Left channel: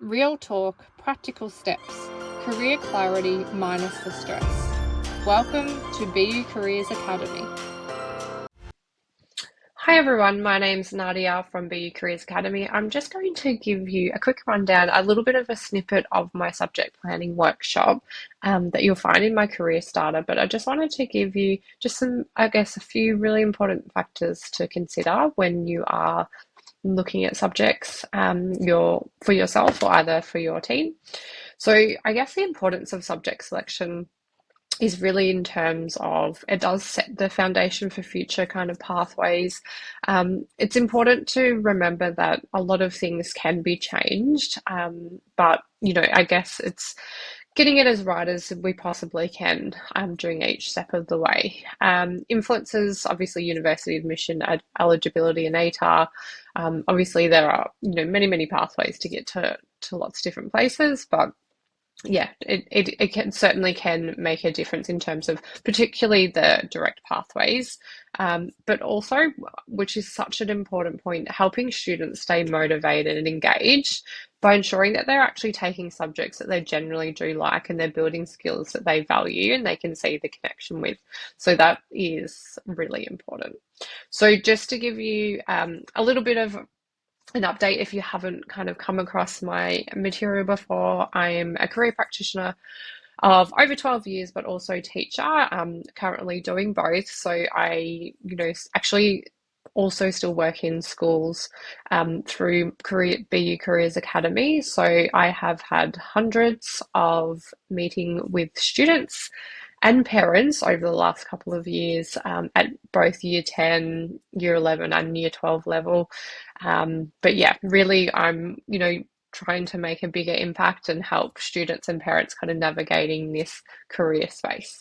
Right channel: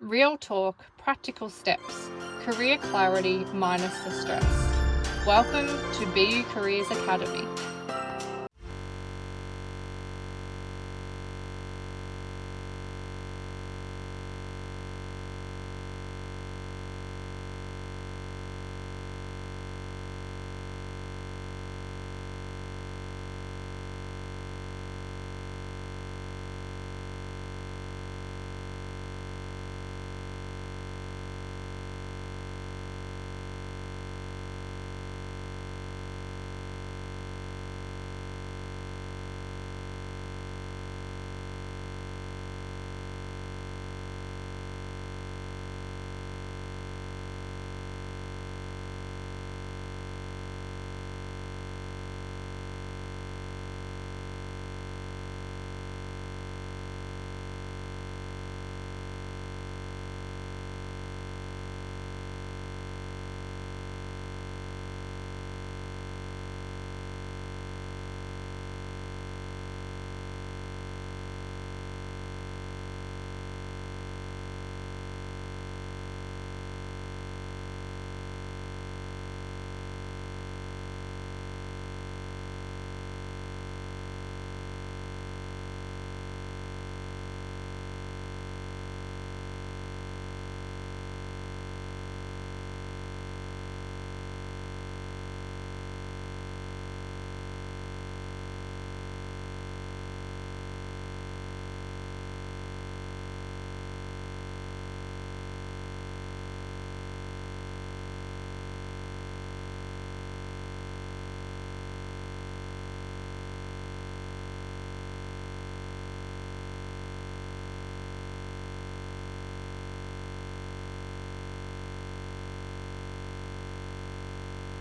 Real talk, practical steps, career clarity minus the stress. Welcome to BU Careers Academy. Hi everyone, my name's Nadia from BU Careers Academy. I'm just going to give you a quick rundown, a little bit of a snippet of my subject planning workshop that you'll find in my career starter, but I just wanted to give you just some, a few really important factors to consider when you are looking at subjects for yourself or either for your team. So I guess the importance of subject selection is really in terms of it does set the foundation for future kind of pathways. It's important to remember that a lot of things can be changed, but I guess it's getting it as right as we possibly can during each step of the way. Influences obviously university admission, eligibility, and ATAR. Obviously, there are many pathways to get to lots of different places, but yeah, it can certainly can make a difference in terms of particularly the direct pathways, but also, which is such an important point, helping students stay motivated and engaged by ensuring that they're actually taking subjects that they generally do like and they're building skills that they value and they can see the connection with. So that is really important. So just to give you a little bit of an update, if you haven't kind of come across my material before, I am a career practitioner of over 12 years, but also teacher, currently doing both. So I, actually also still work in schools through BU Careers Academy. So I have had hundreds of meeting with students and parents over the last couple of years at both year 10, year 11 and year 12 level. But yeah, really I'm, trying to make a bigger impact and help students and parents kind of navigating this career space.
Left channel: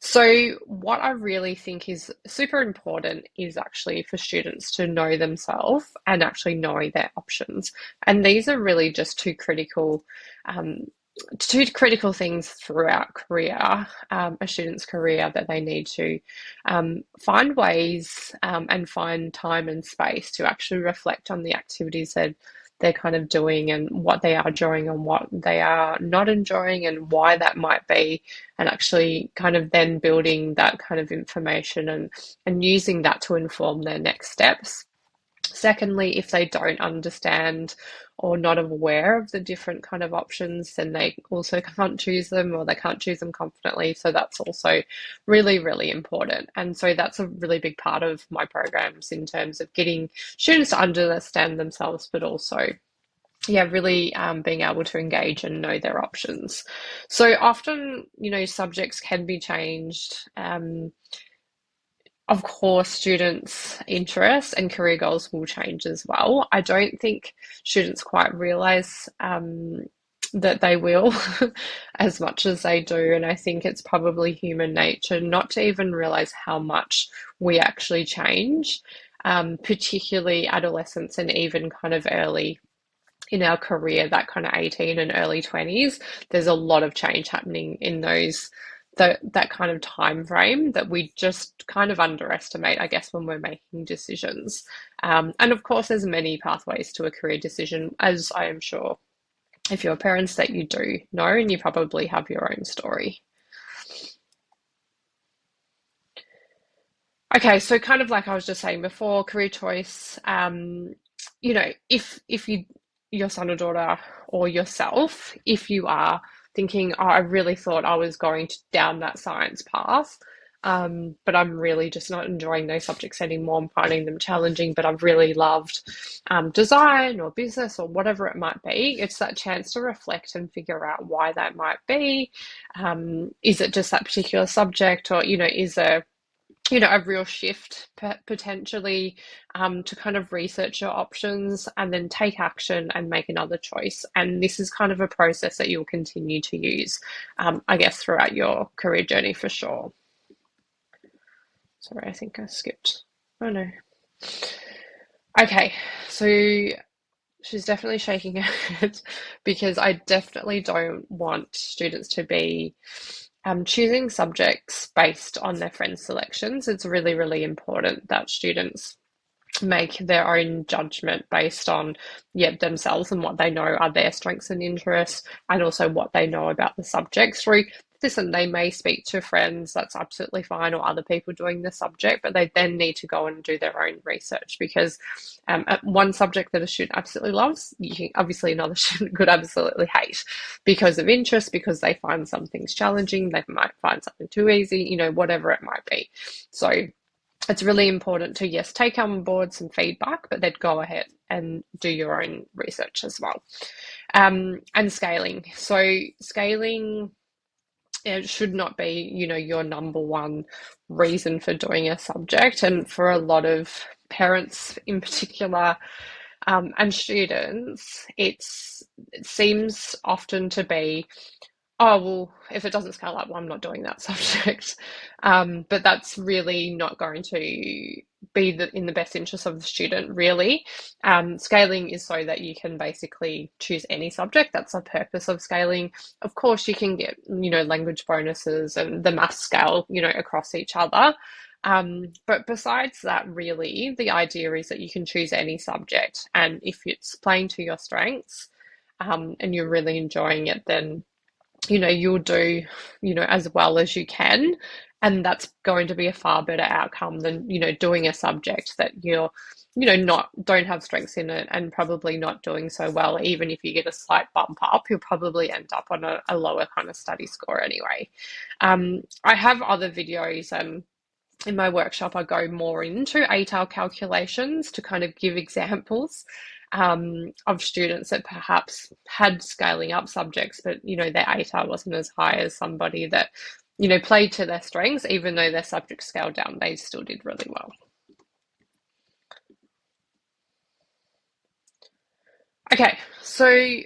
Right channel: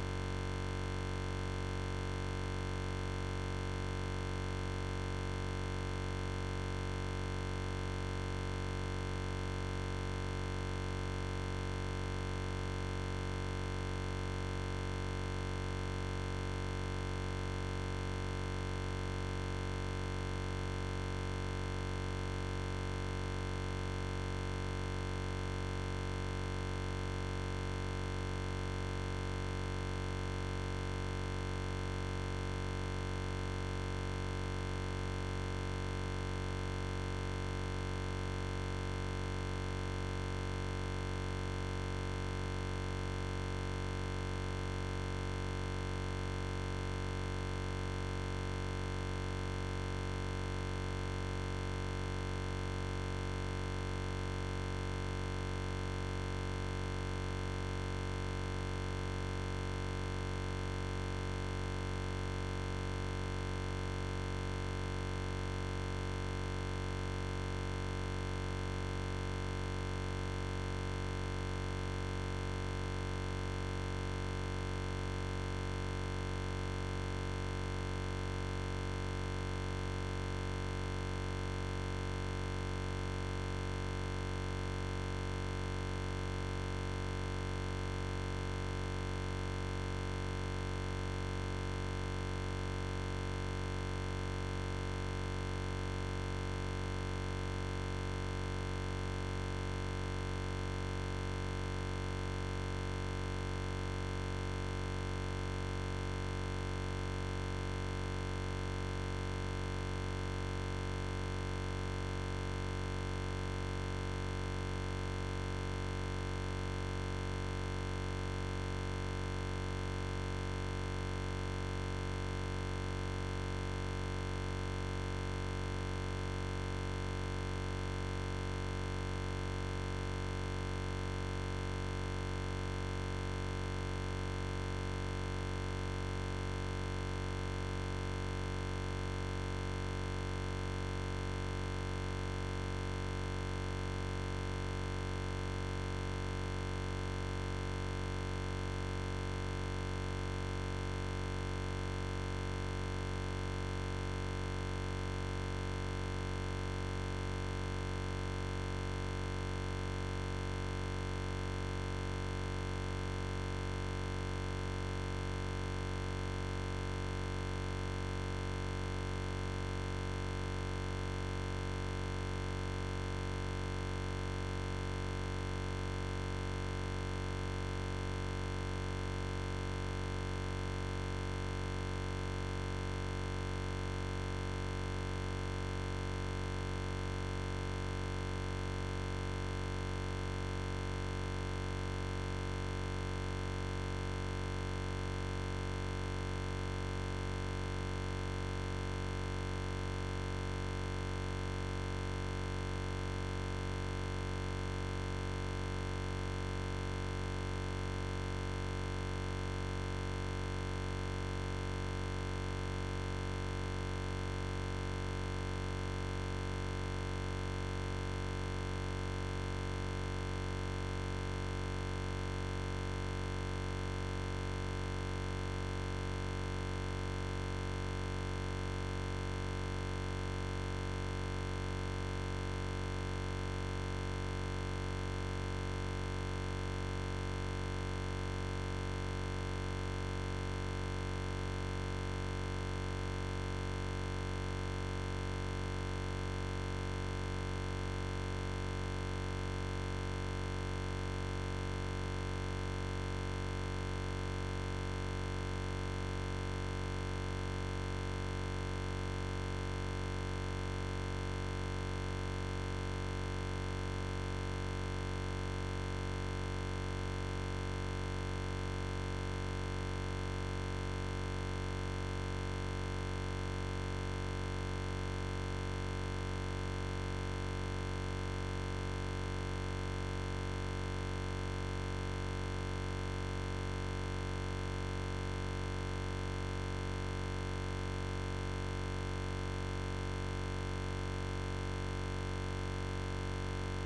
So what I really think is super important is actually for students to know themselves and actually know their options. And these are really just um, two critical things throughout a student's career, that they need to find ways and find time and space to actually reflect on the activities that they're kind of doing and what they are enjoying and what they are not enjoying and why that might be, and actually kind of then building that kind of information and using that to inform their next steps. Secondly, if they don't understand or not aware of the different kind of options, then they also can't choose them, or they can't choose them confidently. So that's also really important. And so that's a really big part of my programs in terms of getting students to understand themselves, but also really being able to engage and know their options. So often, subjects can be changed. Of course, students' interests and career goals will change as well. I don't think students quite realise that they will as much as they do. And I think it's probably human nature not to even realise how much we actually change, particularly adolescents and even kind of early in our career, that kind of 18 and early 20s. There's a lot of change happening in that kind of time frame that we just kind of underestimate, I guess, when we're making decisions. And of course, there's many pathways to a career decision, as I am sure if you're parents that you do know, and you probably have your own story. Okay, so kind of like I was just saying before, career choice, if your son or daughter or yourself, if you are thinking, oh, I really thought I was going down that science path, but I'm really just not enjoying those subjects anymore. I'm finding them challenging, but I've really loved design or business or whatever it might be. It's that chance to reflect and figure out why that might be. Is it just that particular subject, or is there a real shift potentially, to kind of research your options and then take action and make another choice. And this is kind of a process that you'll continue to use, I guess, throughout your career journey for sure. Sorry, I think I skipped. Oh no. Okay, so she's definitely shaking her head because I definitely don't want students to be choosing subjects based on their friends' selections. It's really important that students make their own judgment based on, yeah, themselves and what they know are their strengths and interests, and also what they know about the subject through this. And they may speak to friends, that's absolutely fine, or other people doing the subject, but they then need to go and do their own research, because one subject that a student absolutely loves, obviously another student could absolutely hate because of interest, because they find some things challenging, they might find something too easy, whatever it might be. So it's really important to, yes, take on board some feedback, but then go ahead and do your own research as well. And scaling. So scaling, it should not be, your number one reason for doing a subject. And for a lot of parents in particular, and students, it seems often to be, oh, well, if it doesn't scale up, well, I'm not doing that subject. But that's really not going to be in the best interest of the student, really. Scaling is so that you can basically choose any subject. That's the purpose of scaling. Of course, you can get, language bonuses and the math scale, across each other. But besides that, really, the idea is that you can choose any subject. And if it's playing to your strengths, and you're really enjoying it, then you'll do, as well as you can. And that's going to be a far better outcome than, doing a subject that you're, don't have strengths in it, and probably not doing so well. Even if you get a slight bump up, you'll probably end up on a lower kind of study score anyway. I have other videos, in my workshop, I go more into ATAR calculations to kind of give examples of students that perhaps had scaling up subjects, but their ATAR wasn't as high as somebody that played to their strengths. Even though their subject scaled down, they still did really well. Okay, so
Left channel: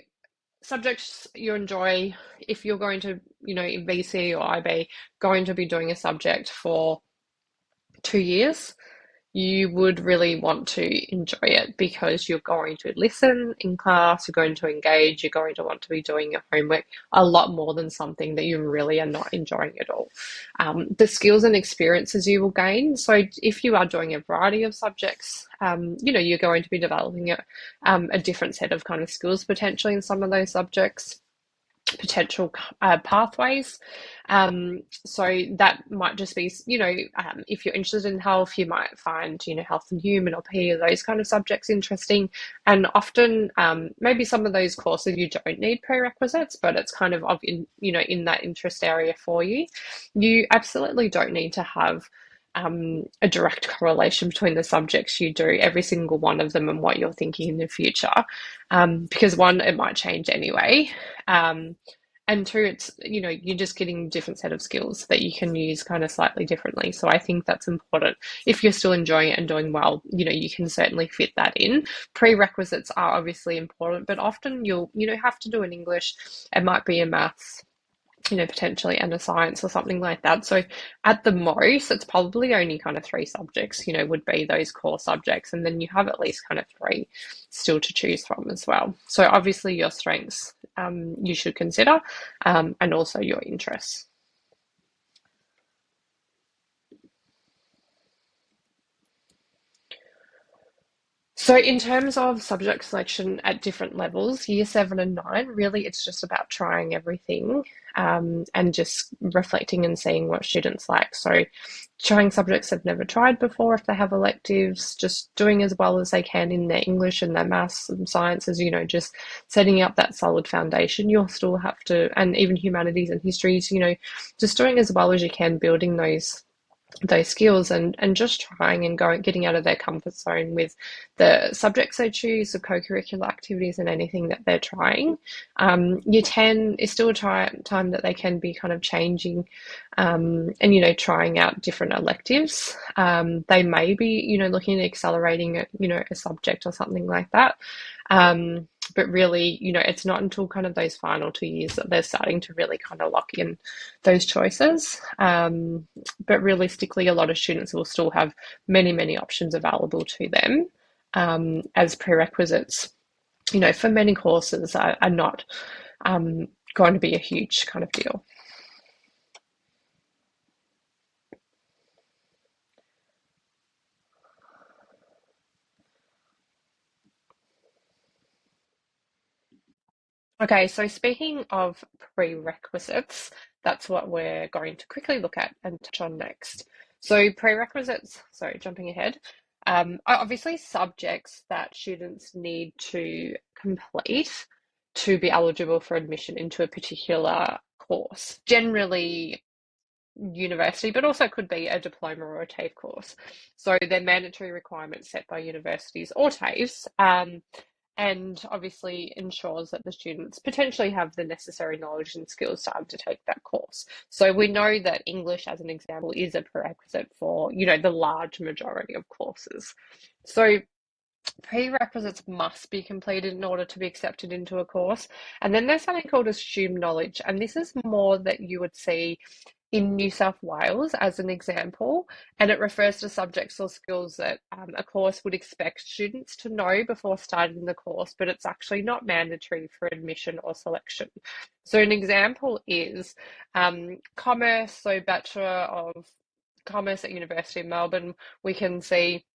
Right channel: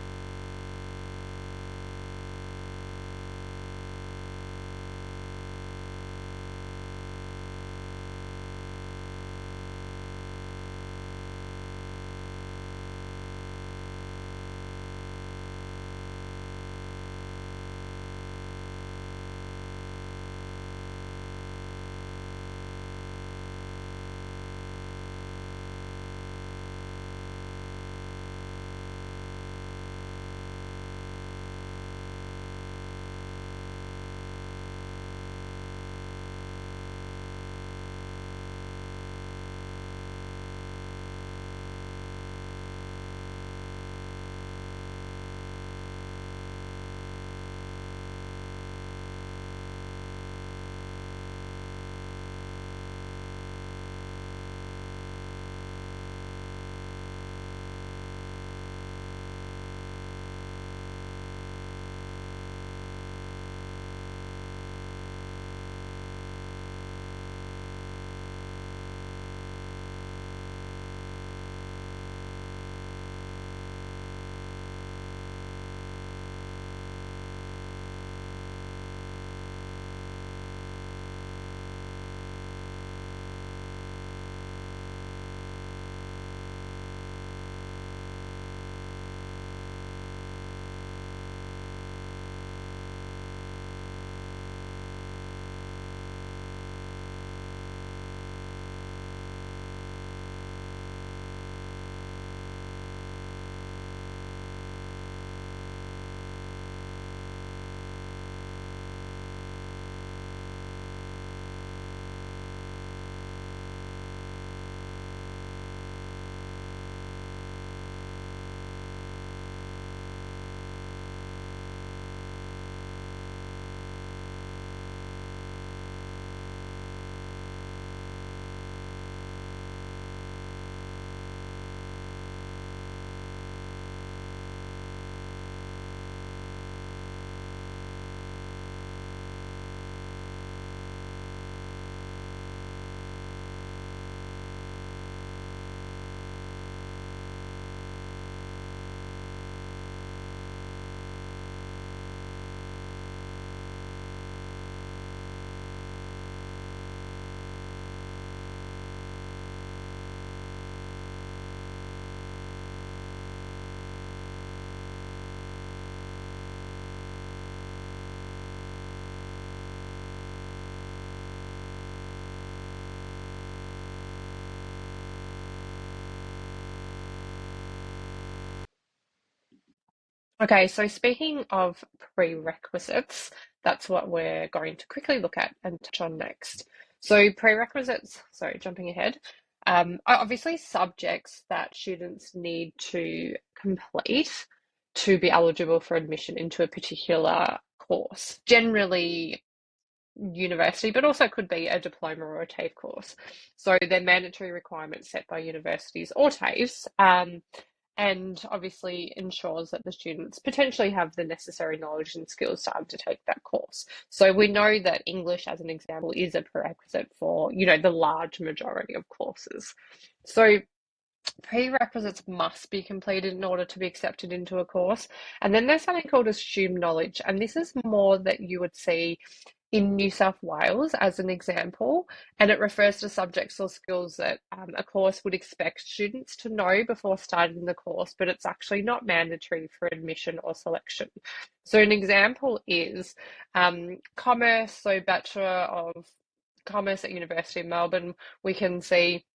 subjects you enjoy. If you're going to, VC or IB, going to be doing a subject for 2 years, you would really want to enjoy it, because you're going to listen in class, you're going to engage, you're going to want to be doing your homework a lot more than something that you really are not enjoying at all. The skills and experiences you will gain. So if you are doing a variety of subjects, you're going to be developing a different set of kind of skills potentially in some of those subjects, potential pathways. So that might just be, if you're interested in health, you might find, health and human or PE, those kind of subjects interesting. And often, maybe some of those courses you don't need prerequisites, but it's kind of in that interest area for you. You absolutely don't need to have a direct correlation between the subjects you do, every single one of them, and what you're thinking in the future. Because one, it might change anyway. And two, it's, you're just getting a different set of skills that you can use kind of slightly differently. So I think that's important. If you're still enjoying it and doing well, you can certainly fit that in. Prerequisites are obviously important, but often you'll, have to do an English. It might be a maths, potentially, and a science or something like that. So at the most, it's probably only kind of 3 subjects, would be those core subjects. And then you have at least kind of 3 still to choose from as well. So obviously your strengths, you should consider, and also your interests. So in terms of subject selection at different levels, year 7 and 9, really it's just about trying everything, and just reflecting and seeing what students like. So trying subjects they've never tried before if they have electives, just doing as well as they can in their English and their maths and sciences, just setting up that solid foundation. You'll still have to, and even humanities and histories, just doing as well as you can, building those skills, and just trying and getting out of their comfort zone with the subjects they choose, the co-curricular activities, and anything that they're trying. Year 10 is still a time that they can be kind of changing, and trying out different electives. They may be looking at accelerating a subject or something like that. But really, it's not until kind of those final 2 years that they're starting to really kind of lock in those choices. But realistically, a lot of students will still have many, many options available to them, as prerequisites, for many courses are not going to be a huge kind of deal. Okay, so speaking of prerequisites, that's what we're going to quickly look at and touch on next. So prerequisites, sorry, jumping ahead, are obviously subjects that students need to complete to be eligible for admission into a particular course. Generally university, but also could be a diploma or a TAFE course. So they're mandatory requirements set by universities or TAFEs, and obviously ensures that the students potentially have the necessary knowledge and skills to undertake that course. So we know that English, as an example, is a prerequisite for, the large majority of courses. So prerequisites must be completed in order to be accepted into a course. And then there's something called assumed knowledge, and this is more that you would see in New South Wales as an example, and it refers to subjects or skills that a course would expect students to know before starting the course, but it's actually not mandatory for admission or selection. So an example is commerce, so Bachelor of Commerce at University of Melbourne, we can see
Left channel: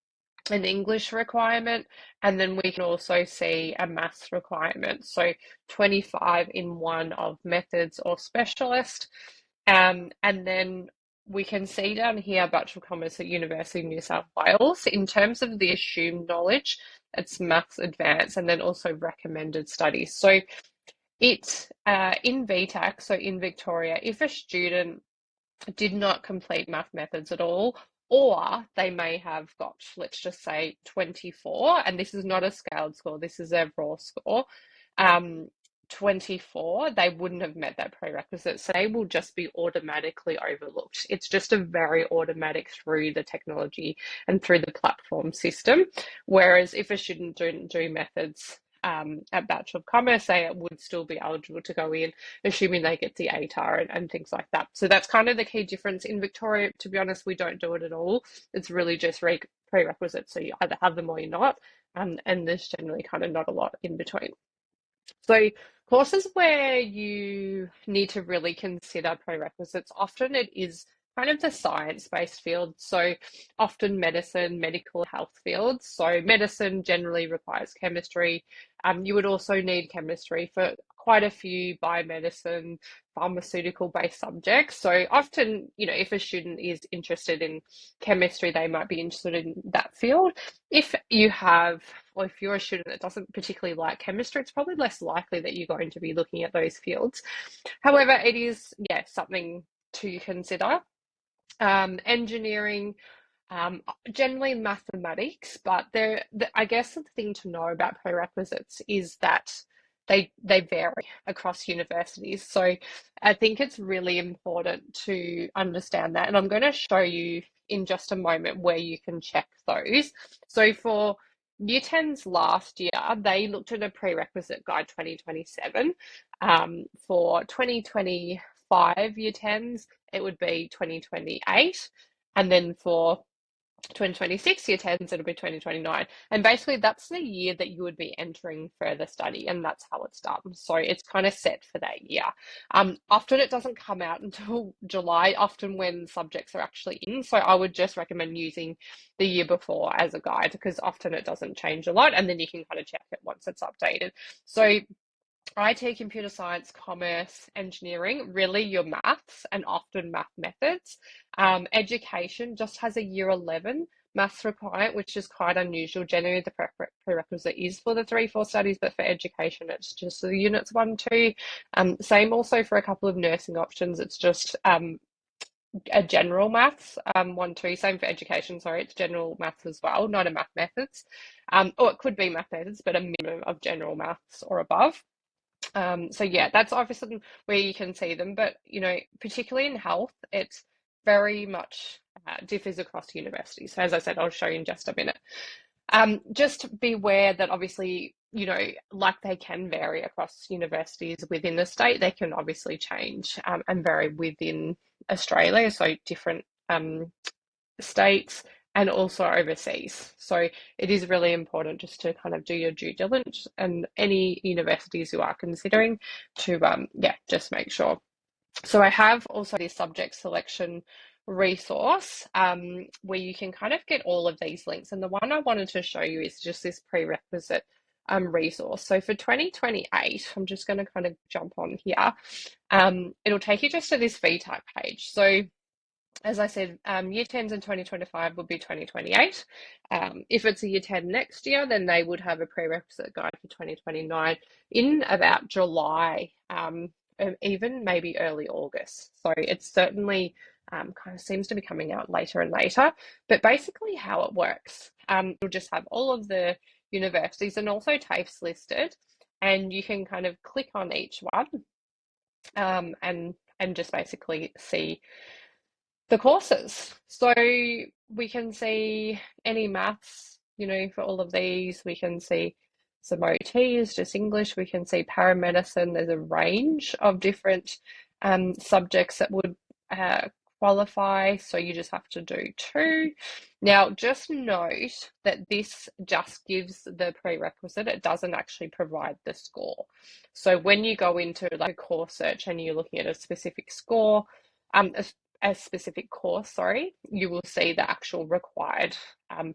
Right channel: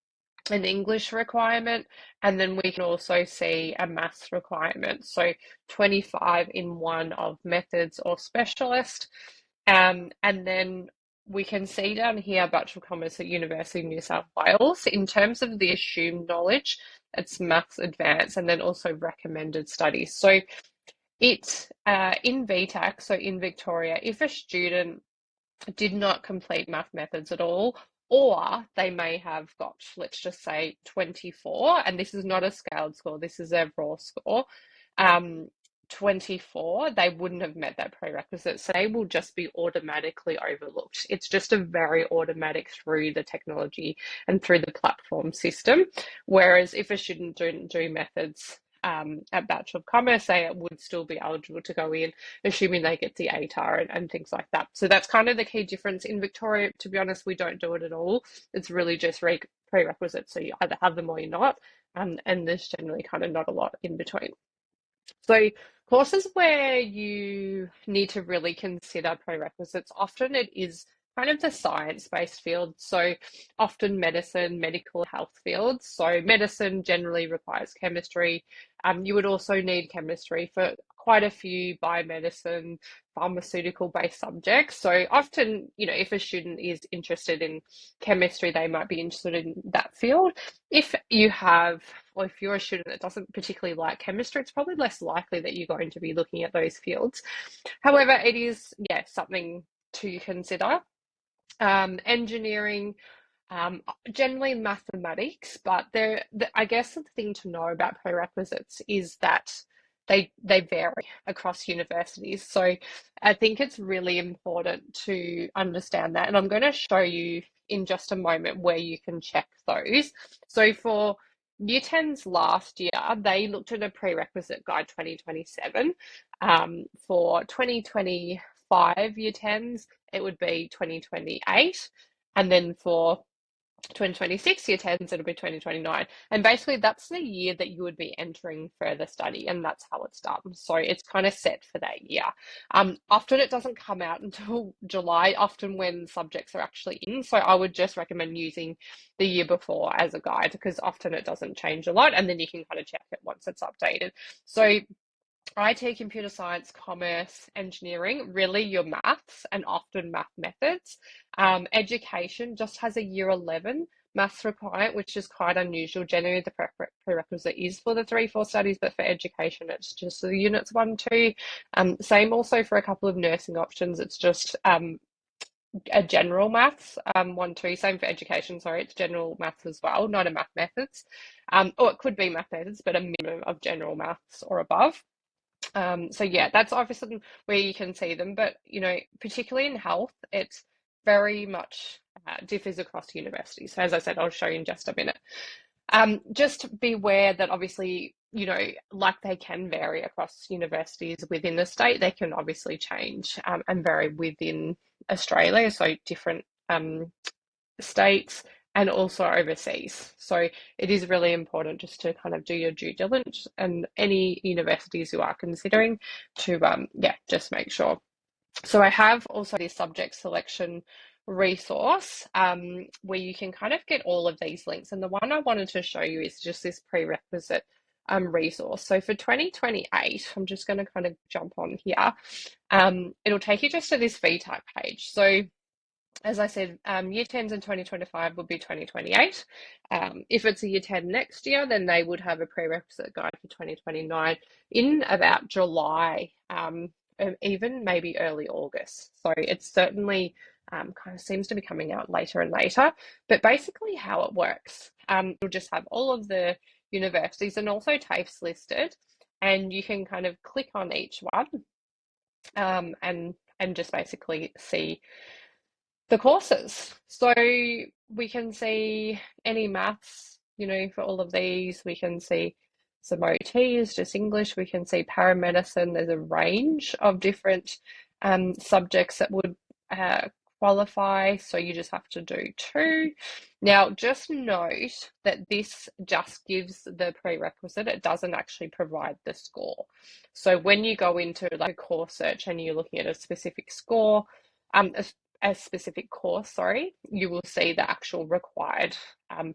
an English requirement, and then we can also see a maths requirement. So 25 in one of methods or specialist. And then we can see down here Bachelor of Commerce at University of New South Wales. In terms of the assumed knowledge, it's maths advanced and then also recommended studies. So it in VTAC, so in Victoria, if a student did not complete math methods at all, or they may have got, let's just say, 24, and this is not a scaled score, this is a raw score. 24, they wouldn't have met that prerequisite, so they will just be automatically overlooked. It's just a very automatic through the technology and through the platform system. Whereas if a student didn't do methods at Bachelor of Commerce, they would still be eligible to go in, assuming they get the ATAR and things like that. So that's kind of the key difference. In Victoria, to be honest, we don't do it at all. It's really just prerequisites, so you either have them or you're not, and there's generally kind of not a lot in between. So courses where you need to really consider prerequisites, often it is kind of the science-based field. So often medicine, medical health fields. So medicine generally requires chemistry. You would also need chemistry for quite a few biomedicine, pharmaceutical-based subjects. So often, if a student is interested in chemistry, they might be interested in that field. If you have, or if you're a student that doesn't particularly like chemistry, it's probably less likely that you're going to be looking at those fields. However, it is, something to consider. Engineering, generally mathematics, but I guess the thing to know about prerequisites is that they vary across universities. So I think it's really important to understand that. And I'm going to show you in just a moment where you can check those. So for Year 10s last year, they looked at a prerequisite guide 2027. For 2025 Year 10s, it would be 2028. And then for 2026 Year 10s, it'll be 2029. And basically, that's the year that you would be entering further study, and that's how it's done. So it's kind of set for that year. Often it doesn't come out until July, often when subjects are actually in. So I would just recommend using the year before as a guide because often it doesn't change a lot, and then you can kind of check it once it's updated. So IT, computer science, commerce, engineering, really your maths and often math methods. Education just has a year 11 maths requirement, which is quite unusual. Generally, the prerequisite is for the 3-4 studies, but for education, it's just the units 1, 2. Same also for a couple of nursing options. It's just a general maths 1, 2. Same for education. Sorry, it's general maths as well, not a math methods. Or it could be math methods, but a minimum of general maths or above. So yeah, that's obviously where you can see them, but particularly in health, it's very much differs across universities. So as I said, I'll show you in just a minute. Just beware that obviously, like they can vary across universities within the state, they can obviously change and vary within Australia, so different states and also overseas. So it is really important just to kind of do your due diligence and any universities you are considering to, just make sure. So I have also this subject selection resource where you can kind of get all of these links. And the one I wanted to show you is just this prerequisite resource. So for 2028, I'm just going to kind of jump on here. It'll take you just to this VTAC page. So as I said, year 10s in 2025 would be 2028. If it's a year 10 next year, then they would have a prerequisite guide for 2029 in about July, even maybe early August. So it's certainly kind of seems to be coming out later and later. But basically, how it works, you'll just have all of the universities and also TAFEs listed, and you can kind of click on each one and just basically see the courses. So we can see any maths, for all of these. We can see some OTs, just English. We can see paramedicine. There's a range of different subjects that would qualify. So you just have to do two. Now, just note that this just gives the prerequisite. It doesn't actually provide the score. So when you go into like a course search and you're looking at a specific score, a specific course, sorry, you will see the actual required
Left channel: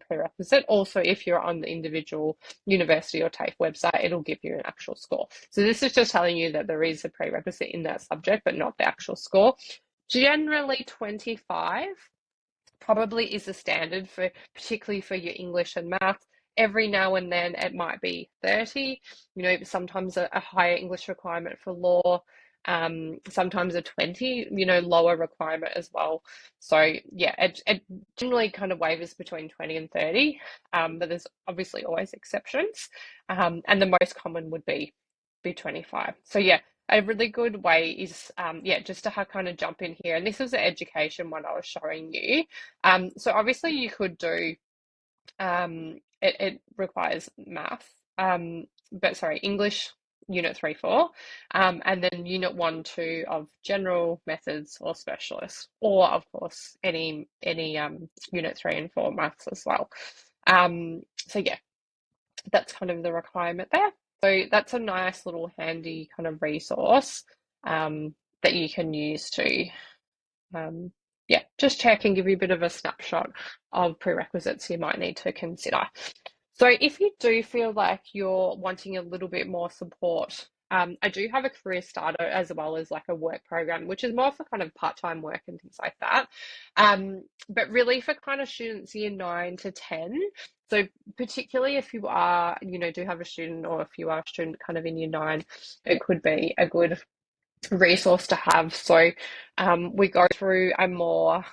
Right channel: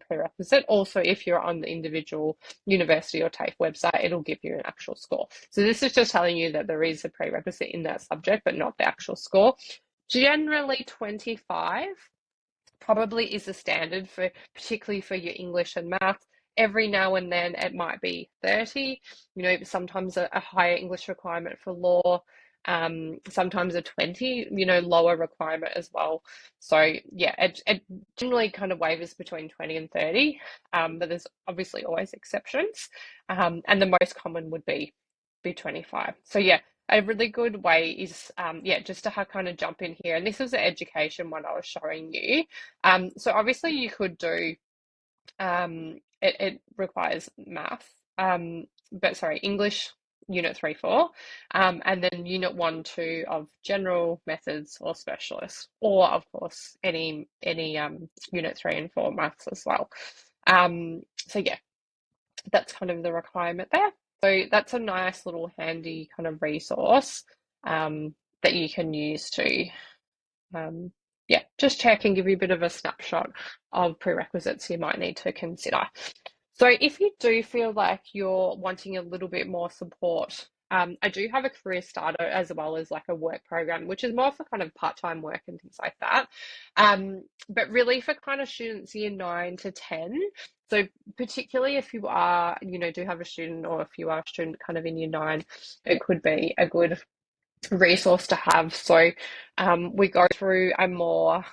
prerequisite. Also, if you're on the individual university or TAFE website, it'll give you an actual score. So this is just telling you that there is a prerequisite in that subject, but not the actual score. Generally 25 probably is the standard for, particularly for your English and math. Every now and then it might be 30, sometimes a higher English requirement for law, sometimes a 20, lower requirement as well. So yeah, it generally kind of wavers between 20 and 30, but there's obviously always exceptions. And the most common would be 25. So yeah, a really good way is, just to kind of jump in here. And this is the education one I was showing you. So obviously you could do, it requires math, but sorry, English, Unit 3, 4, and then Unit 1, 2 of general methods or specialists, or of course any Unit 3 and 4 maths as well. So yeah, that's kind of the requirement there. So that's a nice little handy kind of resource that you can use to just check and give you a bit of a snapshot of prerequisites you might need to consider. So if you do feel like you're wanting a little bit more support, I do have a career starter as well as like a work program, which is more for kind of part-time work and things like that. But really for kind of students year 9 to 10. So particularly if you are, do have a student, or if you are a student kind of in year 9, it could be a good resource to have. So we go through a more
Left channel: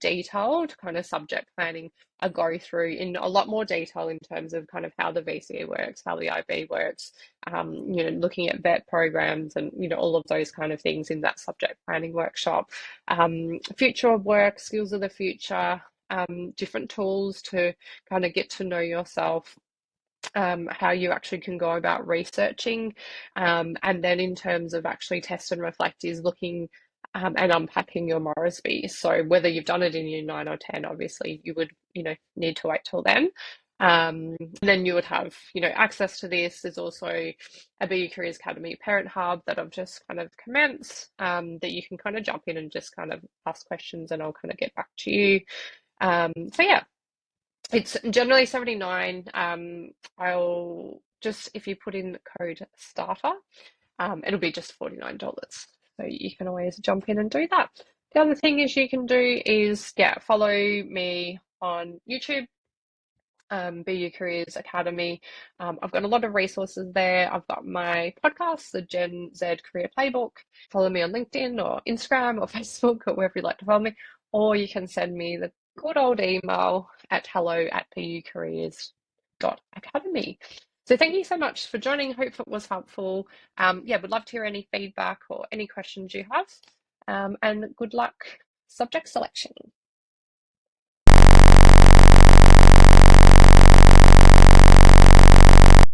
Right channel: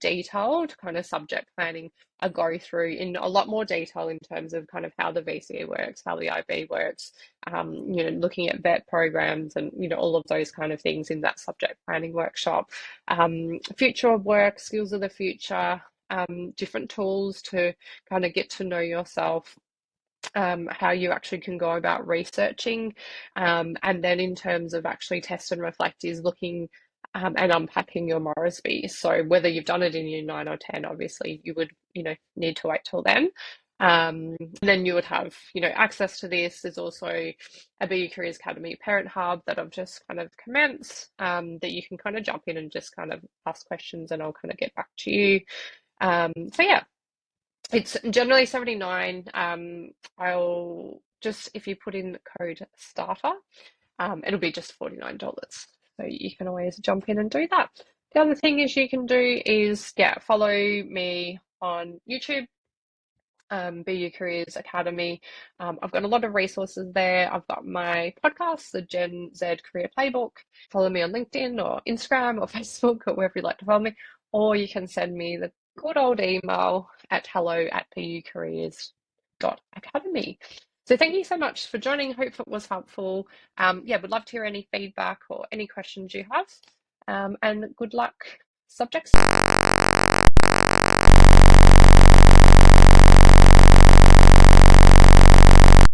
detailed kind of subject planning. I go through in a lot more detail in terms of kind of how the VCE works, how the IB works, looking at vet programs and, all of those kind of things in that subject planning workshop. Future of work, skills of the future, different tools to kind of get to know yourself, how you actually can go about researching, and then in terms of actually test and reflect is looking and unpacking your Morrisby. So whether you've done it in year 9 or 10, obviously you would need to wait till then. Then you would have access to this. There's also a BU Careers Academy Parent Hub that I've just kind of commenced, that you can kind of jump in and just kind of ask questions, and I'll kind of get back to you. So yeah, it's generally 79. I'll just, if you put in the code starter, it'll be just $49. So you can always jump in and do that. The other thing is you can do is, follow me on YouTube, BU Careers Academy. I've got a lot of resources there. I've got my podcast, the Gen Z Career Playbook. Follow me on LinkedIn or Instagram or Facebook or wherever you'd like to follow me. Or you can send me the good old email at hello@bucareers.academy. So thank you so much for joining. Hope it was helpful. Would love to hear any feedback or any questions you have. And good luck, subject search.